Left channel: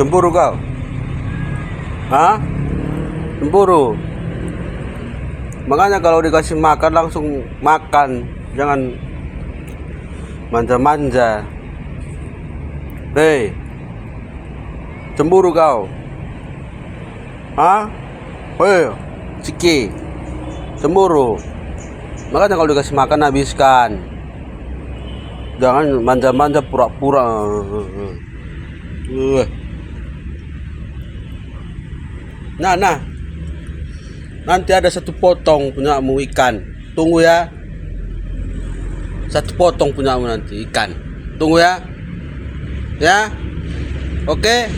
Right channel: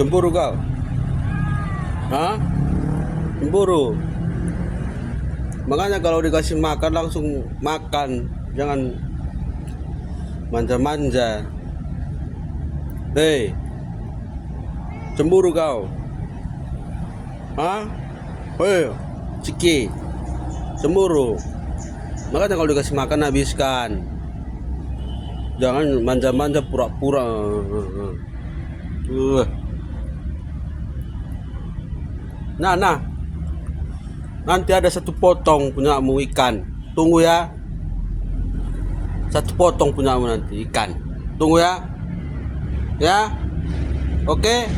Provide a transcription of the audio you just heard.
Cemburu kau? Hah? Cemburu? Makanya kalau dikasih makan langsung makan, jangan manja-manja. Hei, cemburu kau? Hah? Hei, Ciki, cemburu? Makanya kalau dikasih makan habiskan, jangan manja-manja pura-pura. Nah, nanti ada satu potong punyamu ikan. Tunggu ya. Satu potong punyamu nanti ikan. Tunggu ya. Ya. Oke.